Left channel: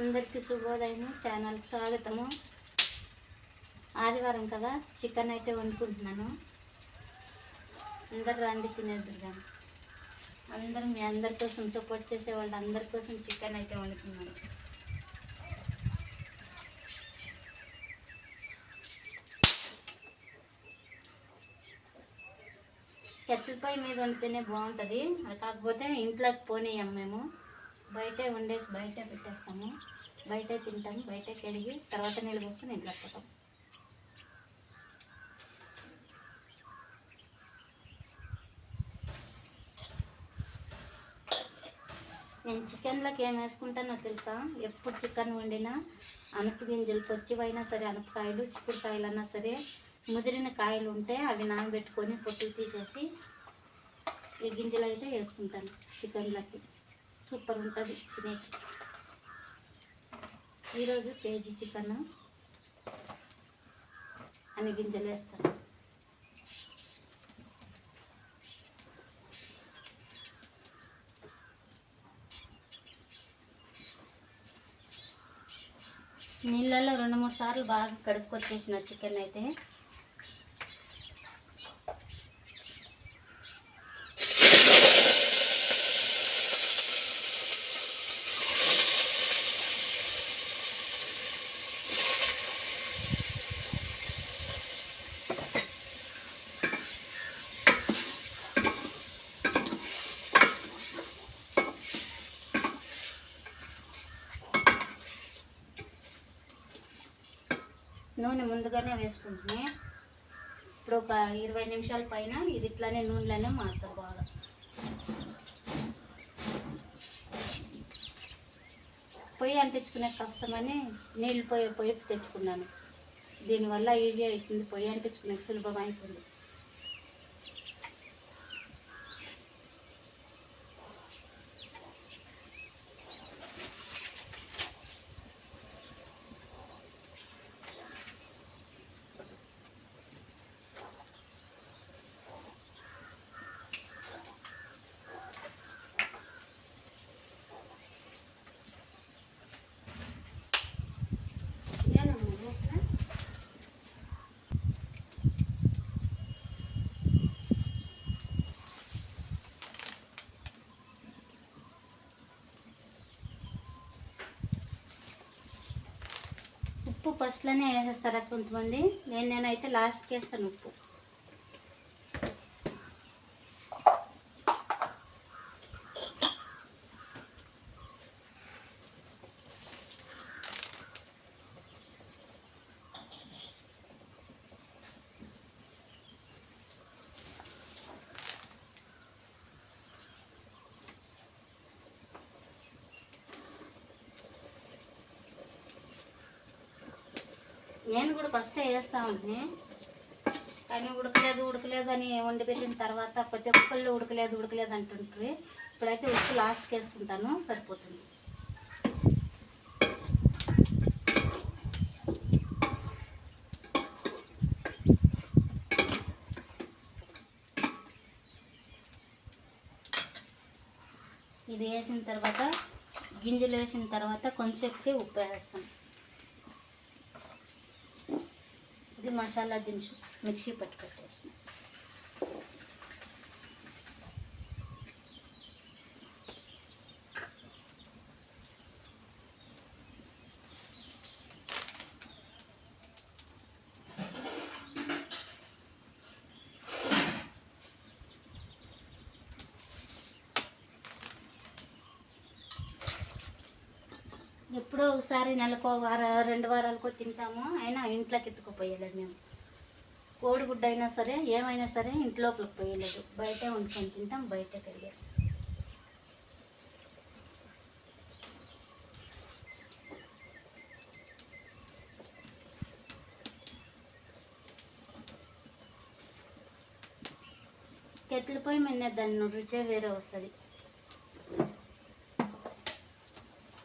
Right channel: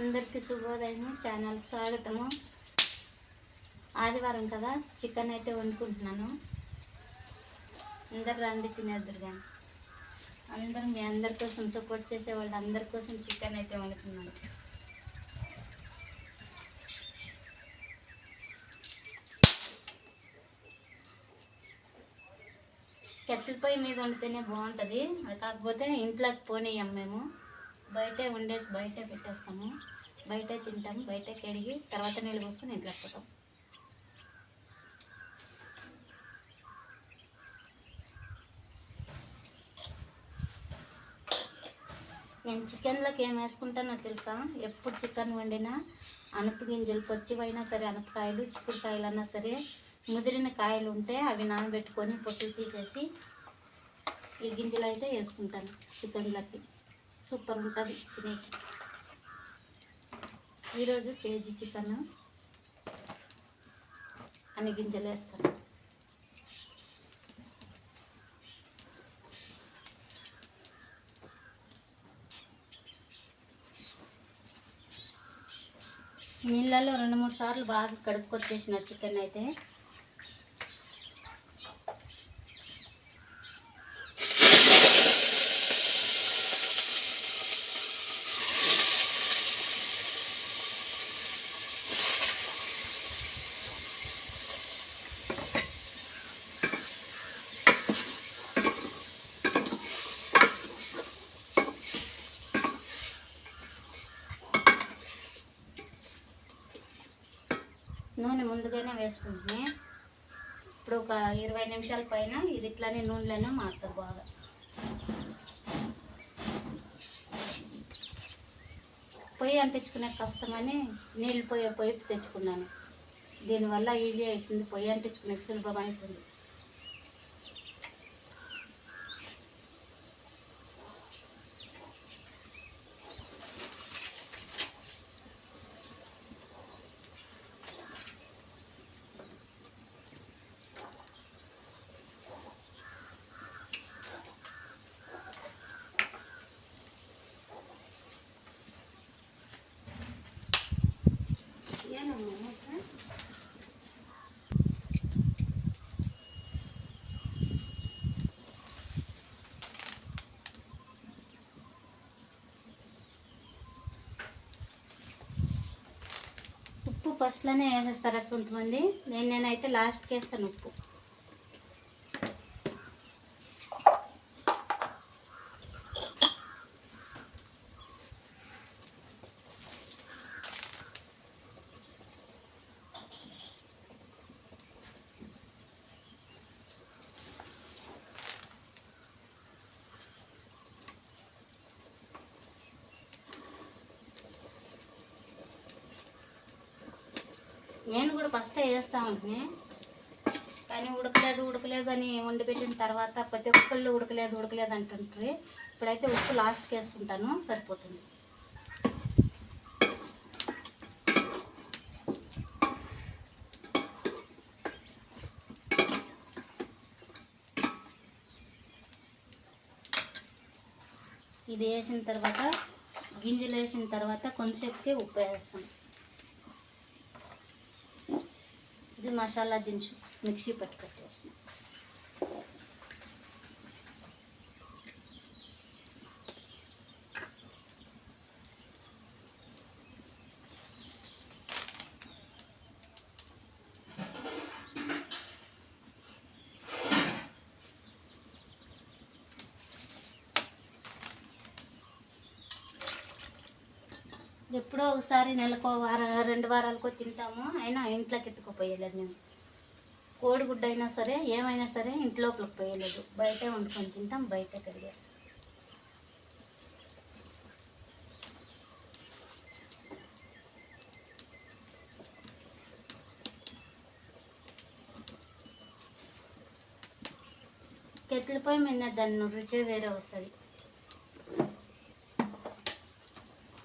అందరికీ శుభోదయం. ఛానల్ స్వాగతము. ఆదివారం కదా చికెన్ అయితే వండుకుంటున్నాను. అందరు రండి తినేద్దరు కానీ. అందరూ మీ అందరి కోసం సపోర్ట్ చేసే వాళ్ళు అందరి కోసం చికెన్ అయితే వండుతున్నాను. కట్టెల పొయ్యి మీద వండితేనే బాగుంటుంది. అది కాకపోతే ఇంట్లోకి పోనీయం మేము. బయటే వండేసి బయటే పెట్టేస్తాము. బయటే తింటాము బయటే కడిగి తర్వాత నీళ్ళు పోసుకొని ఇంట్లోకి పోతాం. నేను చికెన్లోకి ఏం వేసుకుంటానో తెలుసా? ఎప్పుడు చికెన్ వండినా అనప గింజలు పచ్చివైనా సరే అనపకాయలు చిక్కుడుకాయలు అన్నా సరే ముదిరిన కాయలు ఉంటే అవి నానబెట్టుకొని పొట్టులు తీసేసి ఈ గింజలు అయితే వేసుకుంటాను చికెన్లోకి. సూపర్ ఉంటుంది తినేకి. ఈరోజు కేజీ చికెన్ అన్ని గింజలు వేస్తాను. నీళ్ళల్లో రెండు మూడు సార్లు బాగా కడుక్కొచ్చేసిన చికెన్ అయితే నూనె ముందుగానే వేసుకుంటున్నాయి ఇప్పుడు ఒక ఇరవై నిమిషాల పైన ఇది ఇట్లానే నూనెలోనే మారుతారు బాగా. పొయ్యి అంటించుకునే కష్టమని నీళ్ళు పొయ్యి పొయ్యి తెచ్చుకున్నాను. దీనివల్ల ఈజీ అవుతుంది. పొయ్యి అంటించుకునే సులభం అవుతుంది. ఉప్పు ఫస్ట్లోనే వేసేస్తారు కొంతమంది? నేను నేనైతే లాస్ట్కి వేస్తాను ఉప్పు. నేను కూడా ఫస్ట్ వేస్తా ఉంటుంది కానీ ఉడకలేదు ఉడకలేదు అని వండిపెట్టిన తర్వాత ప్రతి ఒక్కళ్ళు ఉడకలేదు ఉడకలేదు అంటుంటారు ఇప్పుడైతే ఉప్పు లాస్ట్కి వేసుకుంటాను సరిపోతుంది. ఇది వేసిన తర్వాత గింజలు వేసిన తర్వాత కొంతసేపుకి ఉప్పు వేస్తాను. ఇది మసాలా దినుసు మిక్సీ పట్టి పెట్టేసిన ఎప్పుడో ఒకసారి నెలకో వార రెండు వారాలకో తింటాము. అయినా ఇంట్లోకి ఎత్తుకుపోయలేదు మేము. కోడిగుడ్డ అయినా సరే ఏమైనా సరే ఇంట్లోపలికి పోయలేదు. బయటే వండుకొని తింటాం బయటే కడిగేస్తాం కెట్ల పొయ్యి మీద దాని రుచే వేరే వస్తుంది.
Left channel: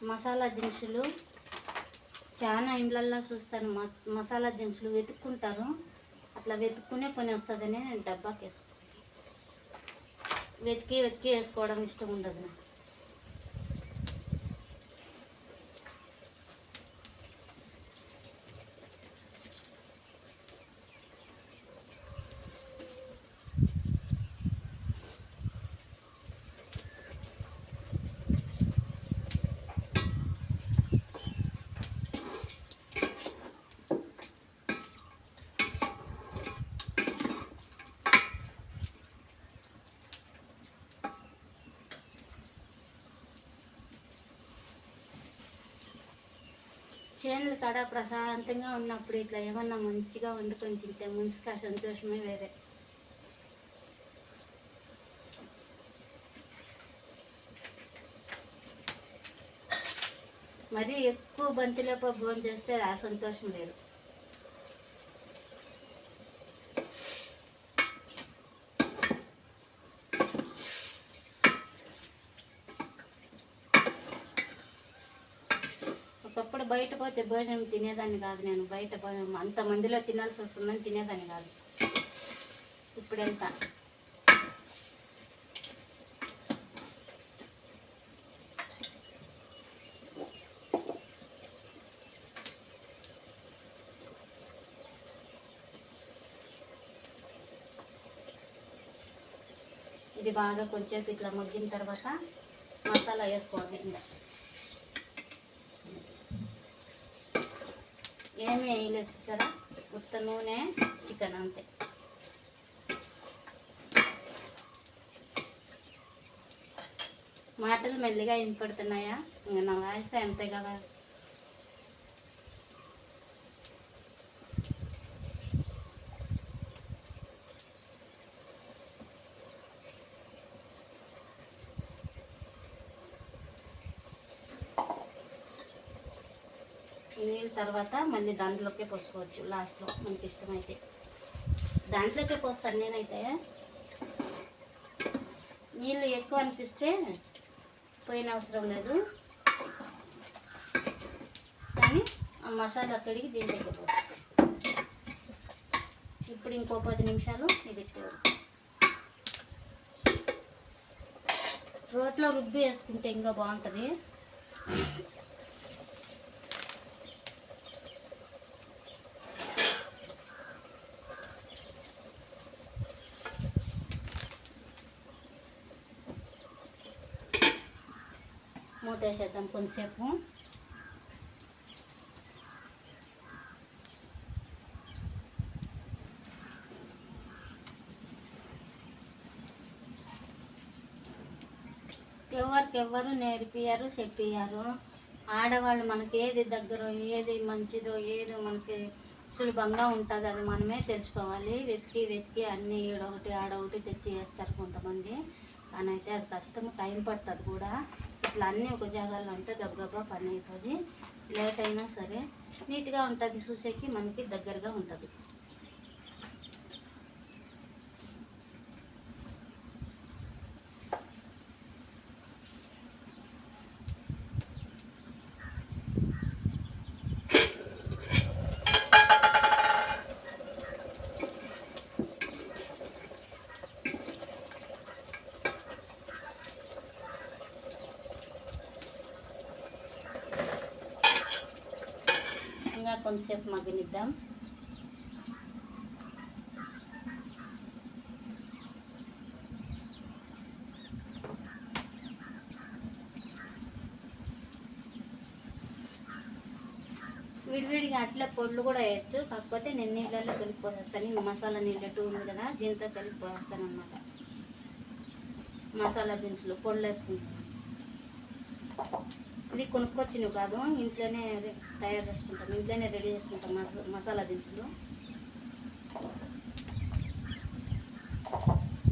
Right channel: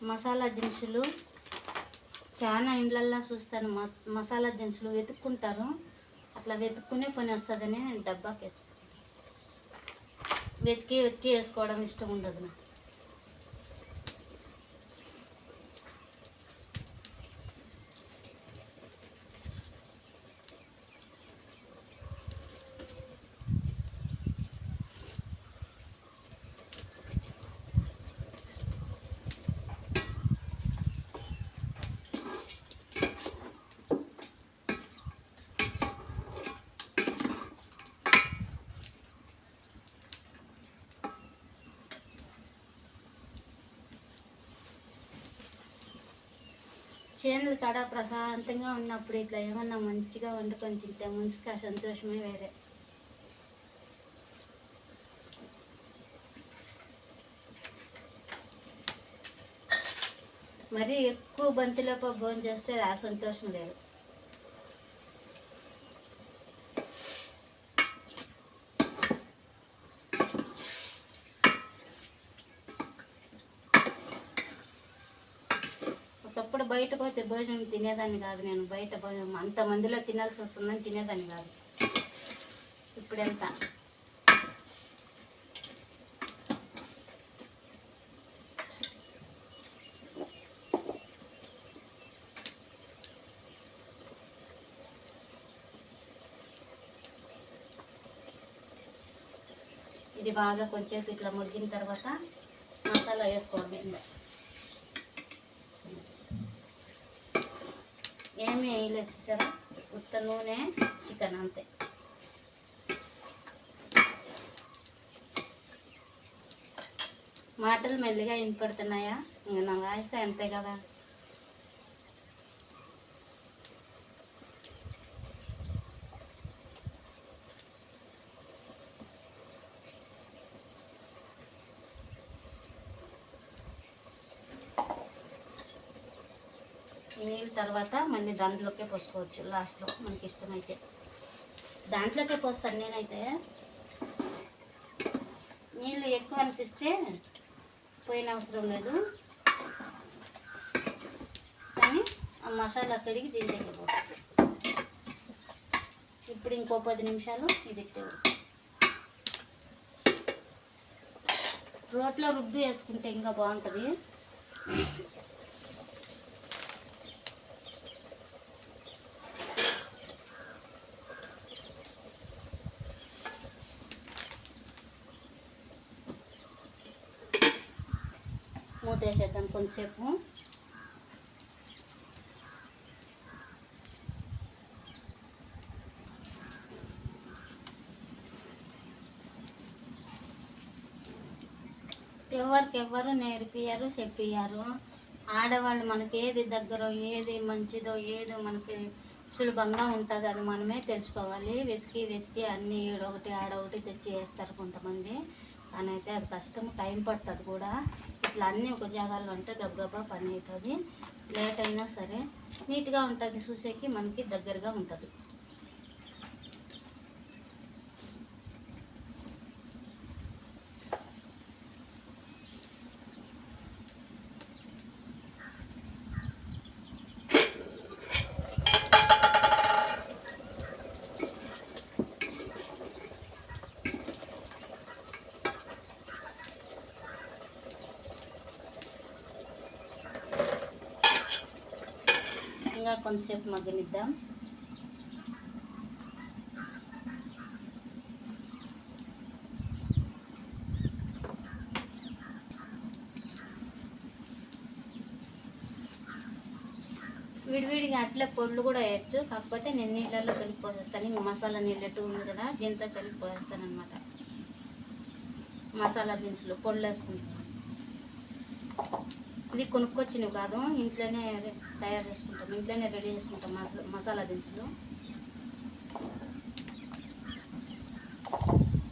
మసాలా దినుసులు చాలా ఇండ్లల్లో చూస్తాను. మ మసాలా దినుసులు వెతుక్కుంటారు. అట్లా వెతుక్కునే పని వస్తుందని నేను డబ్బాకి వేసుకుంటాను వెతికి వెతికి వేసుకోవడం ఇష్టం ఉండదు నాకు. చేనుల కాడ ప్రశాంతంగా ఉన్నప్పుడు ఇట్లా ఏమన్నా మంచిగా వండుకొని తింటే మనసుకి ఆ సంతోషమే వేరే. మరీ ఎక్కువ బంతిలోప భోజనం చేస్తే ఆ సంతోషం లేదు ఒకప్పుడు బయట పోతే భోజనం తినేదాన్ని కాదు నేను. బయట భోజనం అంతమందిలో తినాల్సి వస్తుందని తినేదాన్ని కాదు. ఇప్పుడు ఎంత ఇది బాగా కొంచెంసేపు ఇట్లా మగ్గిన తర్వాత మసాలా వేసుకోవాలి. ఇంకా ఏమి వేయలేదు చూసారా? ఉత్త నూనె చికెన్ అంతే. మాటలు మెల్లిగా వినపడుతున్నాయా? ఇంకా నా వాయిస్ అంతే కదా నీళ్ళ తర్వాత మళ్ళీ దాంట్లోకే పోసుకోవచ్చు లాస్ట్లో మనకి ఇష్టమైతే. దాంట్లోకే పోస్తాను నేనైతే. నీళ్ళు ఎక్కువ అనిపిస్తే పోయిన అవసరం లేదు. కానీ ఆ మసాలా కడిగి దీంట్లోకి పోస్తాను. ఇప్పుడు ఇంకో పది నిమిషాలు ఇది రోట్లో రుబ్బి వేసుకుంటే ఇంకా బాగుంటుంది. వేసేద్దాం కొంతసేపు. ఎవరికి ఎవరు నేర్పియారు చెప్పియారు ఆడవాళ్ళు మనకి ఏది దగ్గర ఏది మంచిదో ఏదో మనకి సులభంగా ఉంటుంది అది మనమే తెలుసుకోవాలి. వెతికి వెతికి అన్నీ ఈడొకటి ఆడొకటి తెచ్చి వేస్తారు కొంతమంది. కానీ అయితే అది కష్టం టైం పడుతుంది కూడా. ఇట్లా అన్నీ ఒక జాగాలో అంటే దబ్బా పని అవుతుంది. లేట్ అయినా సరే నీట్గా ఉంటుంది. చూసేకి మనకి దగ్గరగా ఉంటుంది. విధంగా కొంతసేపు మగ్గనిద్దాం. విడివిడిగా అట్లా పొడులు కూడా వేయచ్చు. కాకపోతే నేను నీళ్ళల్లో కలిపిపోసేస్తాను ఇంక మసాలా నీళ్ళట్టు ఉంది కదా దీంతో కలిపిపోసేస్తాను అనమాట మసాలా దినుసులు పొడులు వేసుకుంటాను ఇది కొనుక్కొచ్చినవి కాదు. ఇంట్లోనే రె- తయారు చేసుకుంటాం. ఇంట్లోనే రెడీ చేసుకుంటాం మసాలా దినుసులు.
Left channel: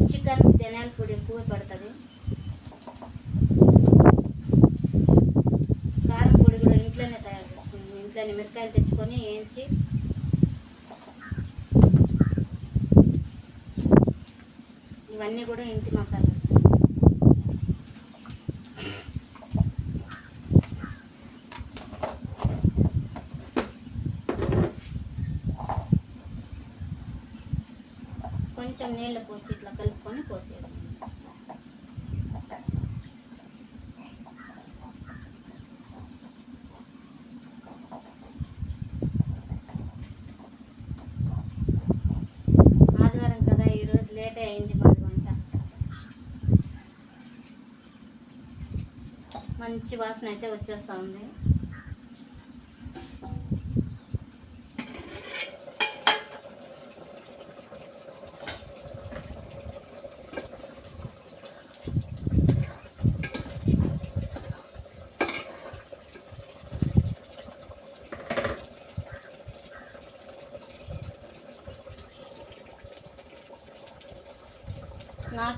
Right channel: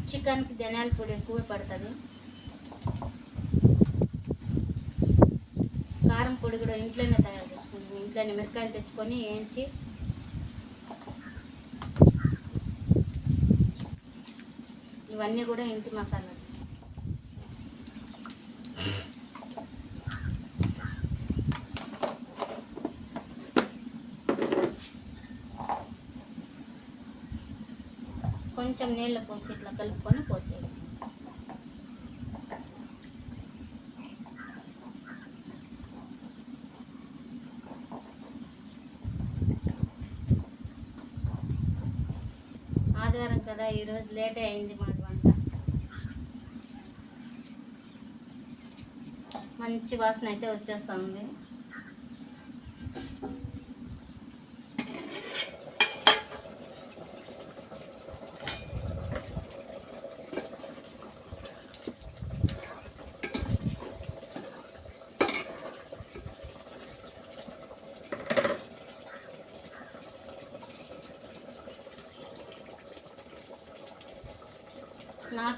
చికెన్ ధనియాల పొడి ఎక్కువ పడుతుంది. కారం పొడి కూడా ఇంట్లోనే తయారు చేసుకుంటాం. ఇంట్లోనే మిరకాయలు తెచ్చుకొని వేయించి ఇవన్నీ కూడా ఇంటి మసాలా కొంచెం నీళ్ళు పోసి ఇట్లా కలుపుకొని పోసేయడం. ఆదివారం కదా ఈరోజు లేటే అయింది మాది వంట. మంచి వాసన అయితే వచ్చేస్తూ ఉంది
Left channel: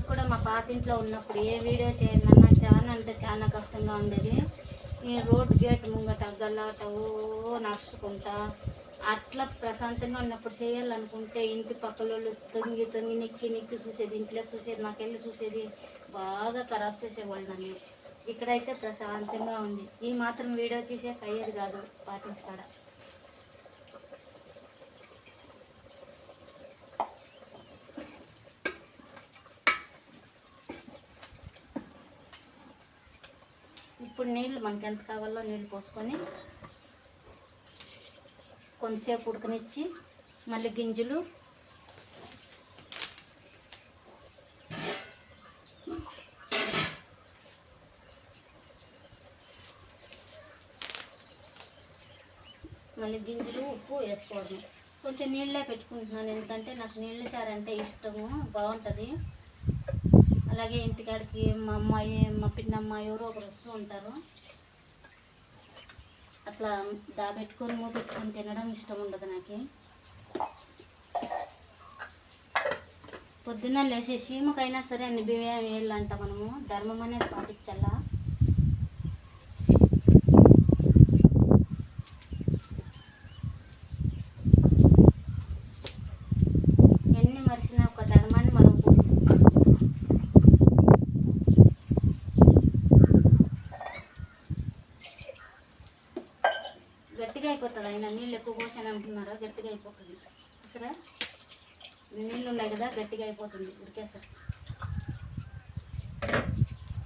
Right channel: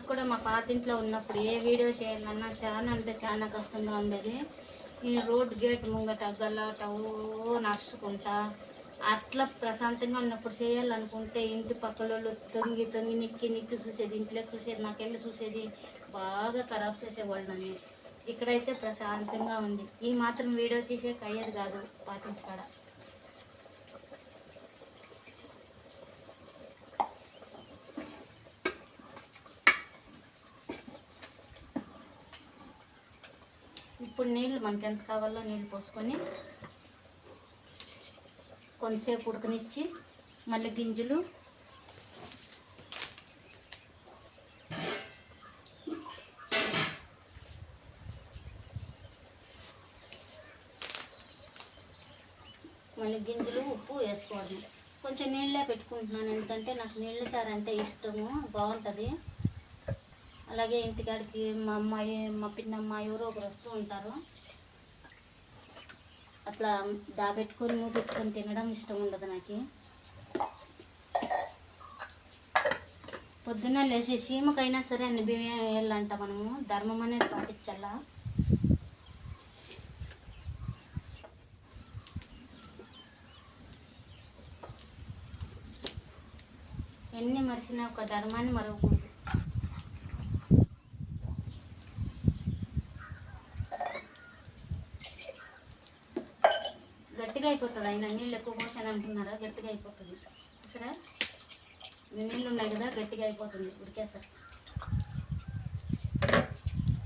కూడా మా పాత ఇంట్లో ఉన్నప్పుడు ఏ వీడియో చేయాలన్నా చాలా అంటే చాలా కష్టంగా ఉండేది. ఈ రోడ్ గేట్ ముంగట గల్లాట నడుచుకుంటా అట్లా ప్రశాంతంగా ఉన్నప్పుడు చేయాలనుకుంటే ఇంటి పక్కలోళ్ళు తొంగి తొంగి నిక్కి నిక్కి చూసేది ఇంట్లోకి చూసేది నాకెళ్ళి చూసేది బాగా ఖరాబ్ చేసేవాళ్ళు నన్ను. ఇక్కడైతే ప్రశాంతంగా ఉంది. ఈ మాత్రం వీడియో తీసే అయ్యేది కాదు పాటింటి కాడ ఇప్పుడు నీళ్ళు మనకి ఎంత కావాలో నీళ్ళు పోసుకొని కొంతసేపు ఉడకనిచ్చి మళ్ళీ గింజలు మళ్ళీ గింజలు ఉప్పు వేసుకోవడం కొంచెం నీళ్ళే పెట్టుకుంటున్నాను. ఎందుకంటే నాకు నీళ్ళ సారంటే ఇష్టము. బాగుంటుంది. అలాగే ఇంటికాడికి మా అమ్మాయి మా పిన్నమ్మ ఎవరో ఒకరు వస్తూ ఉంటారు. అట్లా దాబెట్టుకొని మూపెట్టుకొని తినడం ఇష్టం ఉండదు నాకు. పొద్దున్న లేచి సీమకైనా సరే అన్ని బియ్యం వేయాలంట మనము ధర్మం అనేది పాటించాలా. ఎన్ని మరిచినా ఒక ధర్మాన్ని ఆయన నీళ్ళు ఎక్కువ పోసాను అంటున్నారా గట్టిగా అయిపోతుంది. చూసారా? నీళ్ళు ఉన్నాయి కదా గట్టిగా అయిపోతుంది ఉడికేసరి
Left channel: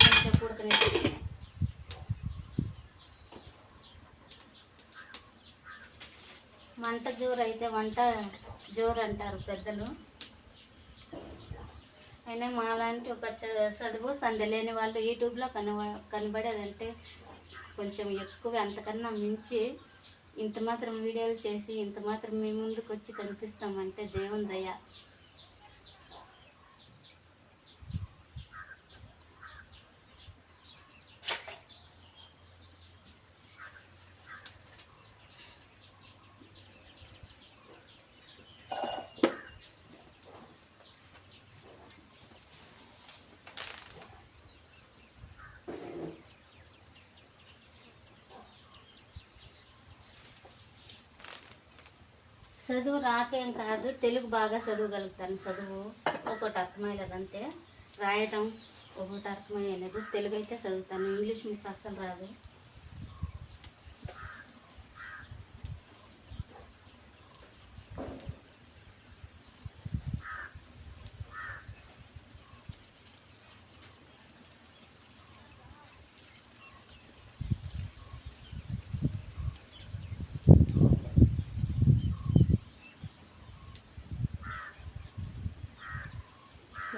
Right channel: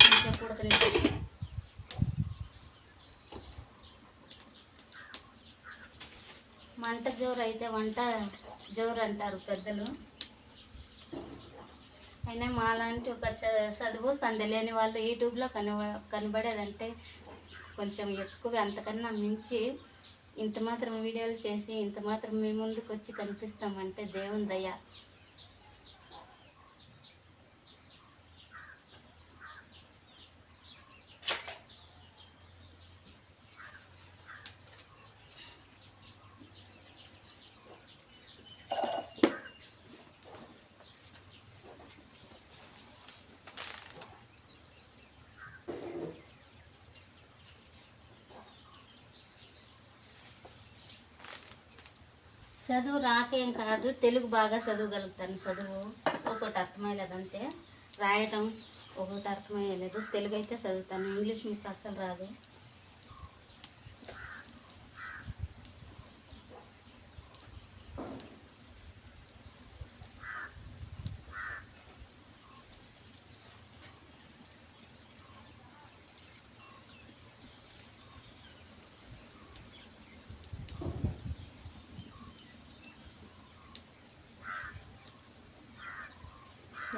కొంచెం ఉడకనే మంట జోరు అయితే వంట జోరు అంటారు పెద్దలు. అయినా మాలాంటి ఒక చ- చదువు సందలేని వాళ్ళు యూట్యూబ్లో కనబ కనబడేదంటే కొంచెం ఎక్కువ అంతకన్నా మించి ఇంత మాత్రం వీడియోలు చేసి ఇంత మాత్రం మీ ముందుకు వచ్చి కనిపిస్తామంటే దేవుని దయ. చదువు రాకేం కాదు తెలుగు బాగా చదవగలుగుతాను. చదువు ఒక్కొక్కటి అర్థమయ్యలేదంటే రాయటం ఒక్కొక్కటి అర్థమయ్యలేదు. తెలుగు అయితే చదువుతాను. ఇంగ్లీష్ మీకు అస్సలు రాదు.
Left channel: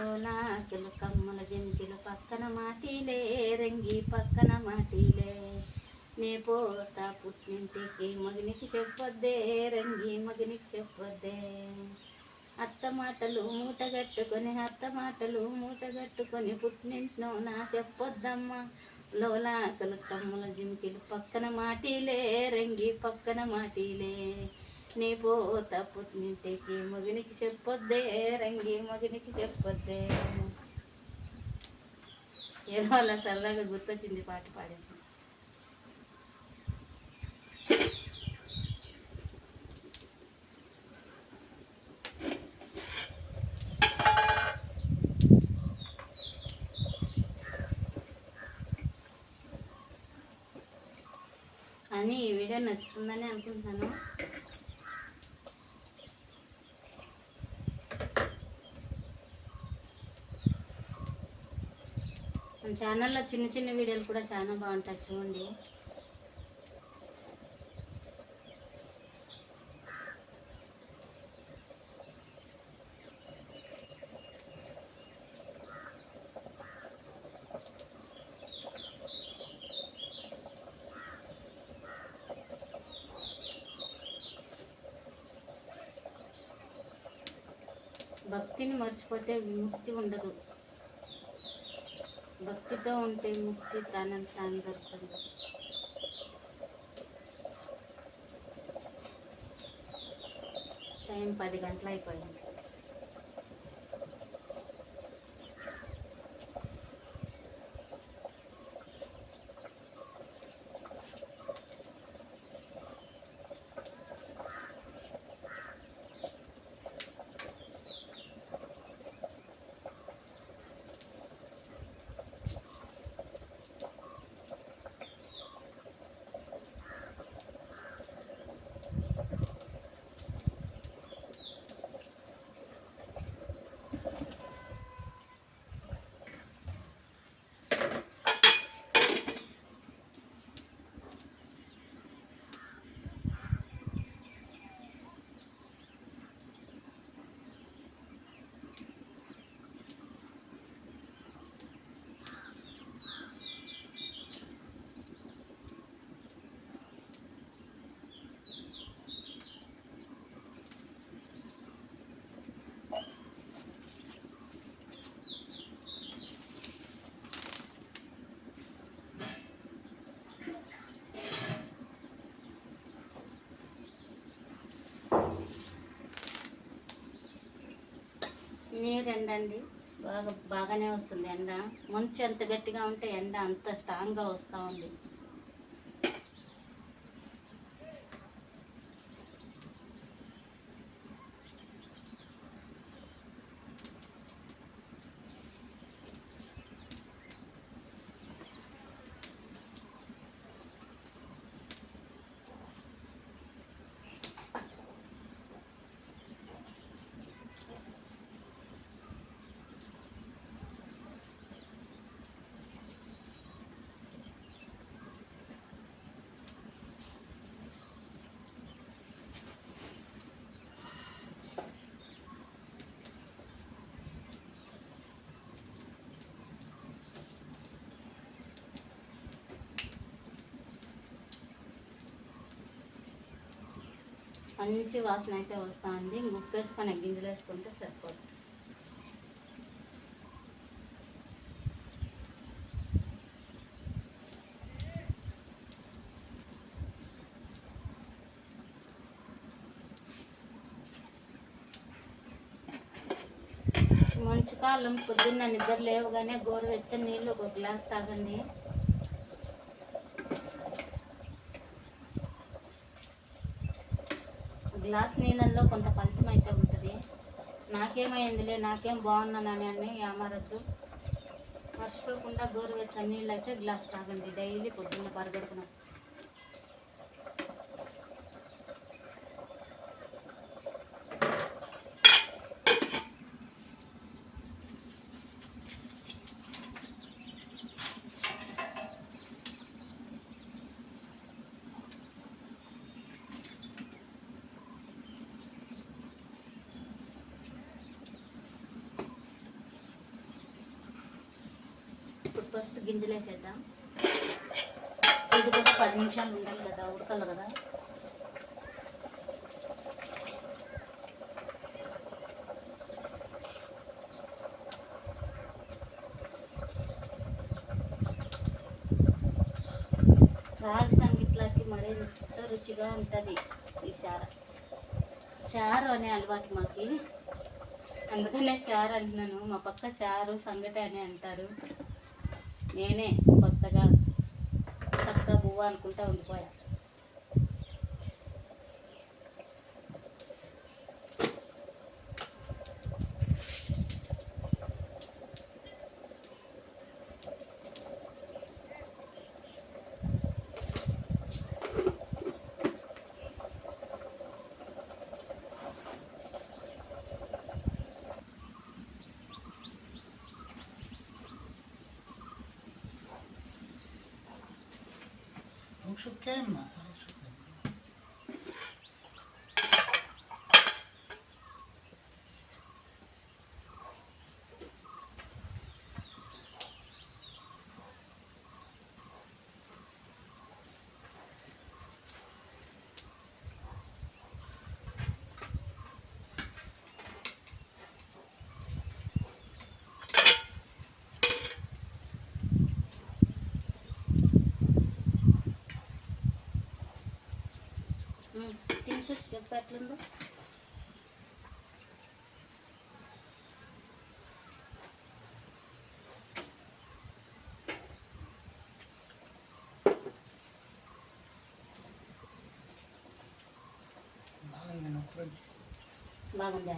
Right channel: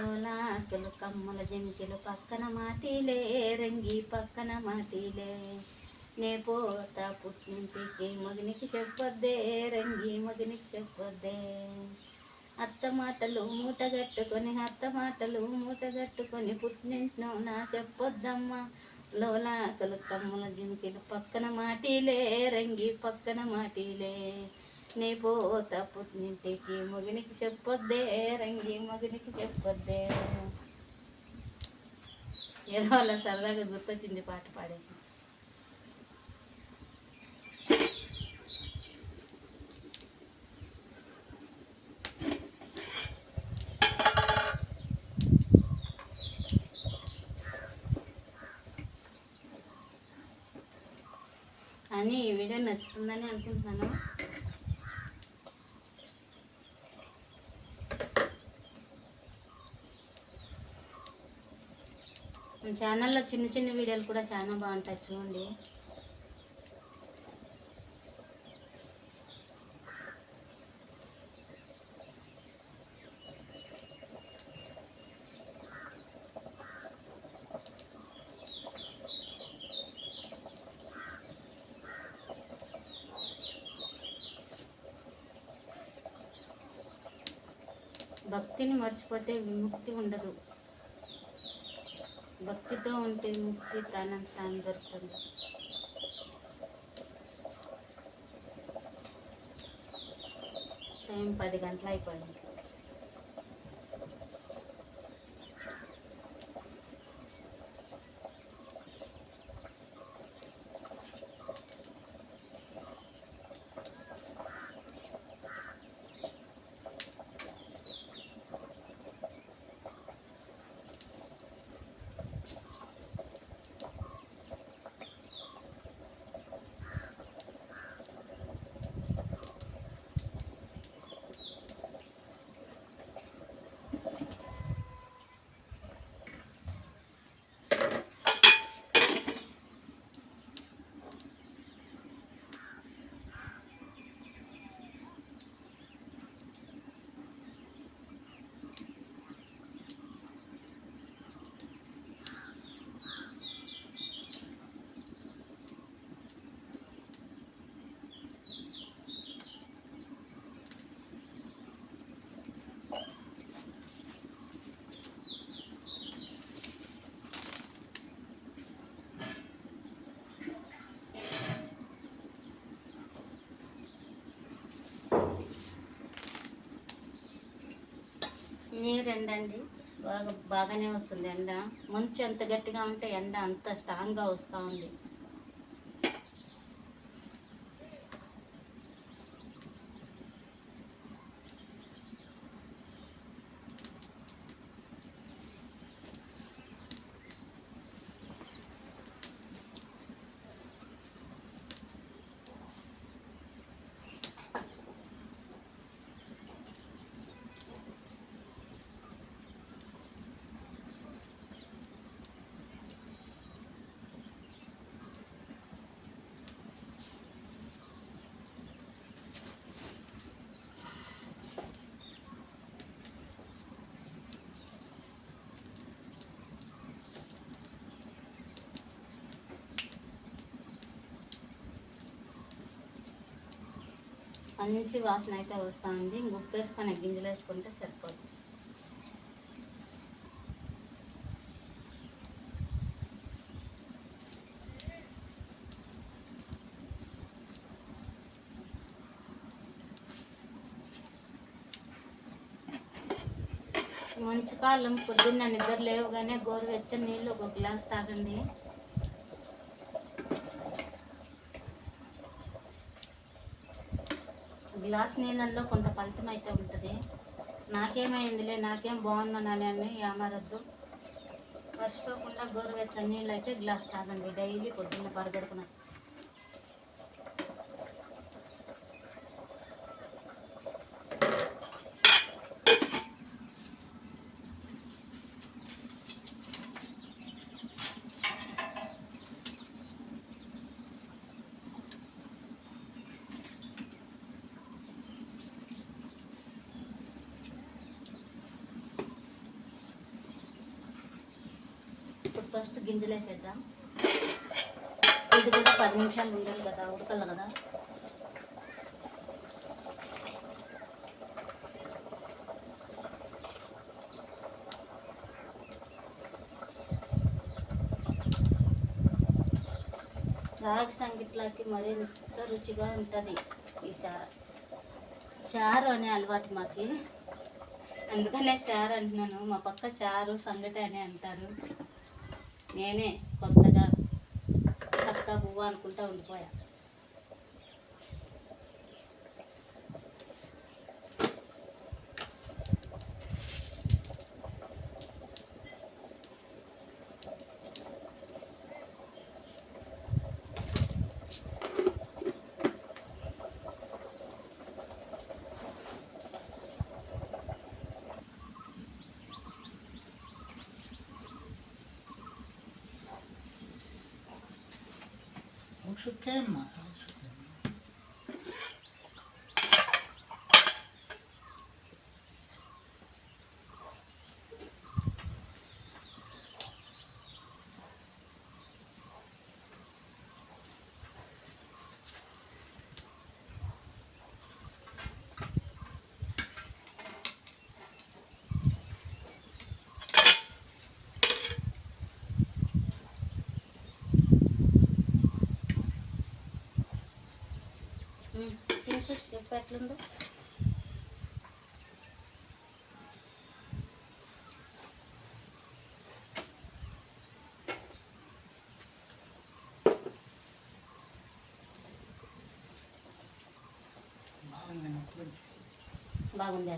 లోలాకులు కమ్మల జమికిలు పక్కన మాటిలే రంగి పక్కన మాటిలే. నే పోతా పుట్టింటికి మగనికి చెప్పొద్దే రంగి మగనికి చెప్పొద్దే. అత్త మాటలు మూటగట్టుకొని అత్త మాటలు మూటగట్టుకొని పుట్టింటినో నా చెప్పొద్దమ్మా. లోలాకలు కమ్మల జిమికిలు పక్కన మాటిలే రంగి పక్కన మాటిలే. నీ పూత పుట్టింటికి మగునికి చెప్పొద్దే రంగి మగునికి చెప్పొద్దే. ఏదో అలా సరదాగా గుర్తొచ్చింది పాట పాడేసి. అని ఈ వీడియో నచ్చుతుందని అనుకుంటున్నాను. మన ఛానల్లో చిన్న చిన్న వీడియోలు కూడా చాలా బాగుంటాయి చూడండి. భక్తిని మర్చిపోతే విముక్తి ఉండదు. భక్తితో ఉంటే ముక్తి తనంత తాను దొరుకుతుంది టైం పది గంటలు అయిపోయింది. నీరు ఎండ అండి బాగా బాగానే వస్తుంది ఎండ. మంచు ఎంత గట్టిగా ఉంటే ఎండ అంత స్ట్రాంగ్గా వస్తూ ఉంది. మంచి వాసన అయితే వస్తూ ఉంది ఉప్పు వేసుకొని గింజలు వేసుకుంటే సరిపోతుంది. మంచి కాలం పొద్దున్న నిద్ర లేవగానే గోరువెచ్చని నీళ్ళు ఒక గ్లాస్ తాగండి. గ్లాస్ నీళ్ళల్లో కొంత ఫలితం అయితే ఉంటుంది. నాకేమైందిలే నాకేం బాగున్నానని అని ఏమారద్దు. మర్చిపోకుండా గోరువెచ్చని నీళ్ళు అయితే గ్లాస్ తాగండి. డైలీ పొద్దున్న పరగడుపున ఫస్ట్ గింజలు వేసేద్దాం. ఇది కూడా పది నిమిషాలు ఉండాలి కదా ఉడకాలి కదా. రాగి సంగిట్లకి మరింత రుచిగా ఉంటుంది ఈ చార. చారు అనే అలవాటు మాకి. అందుకనే చారు అంటున్నాను. మా పక్క చారు సంగటి అని అంటారు. నేనే కొత్తగా చక్క బువ్వ అనుకుంటా ఉండిపోయా. Him. చూసి చెప్పు ఎట్లుందో. బాగుందా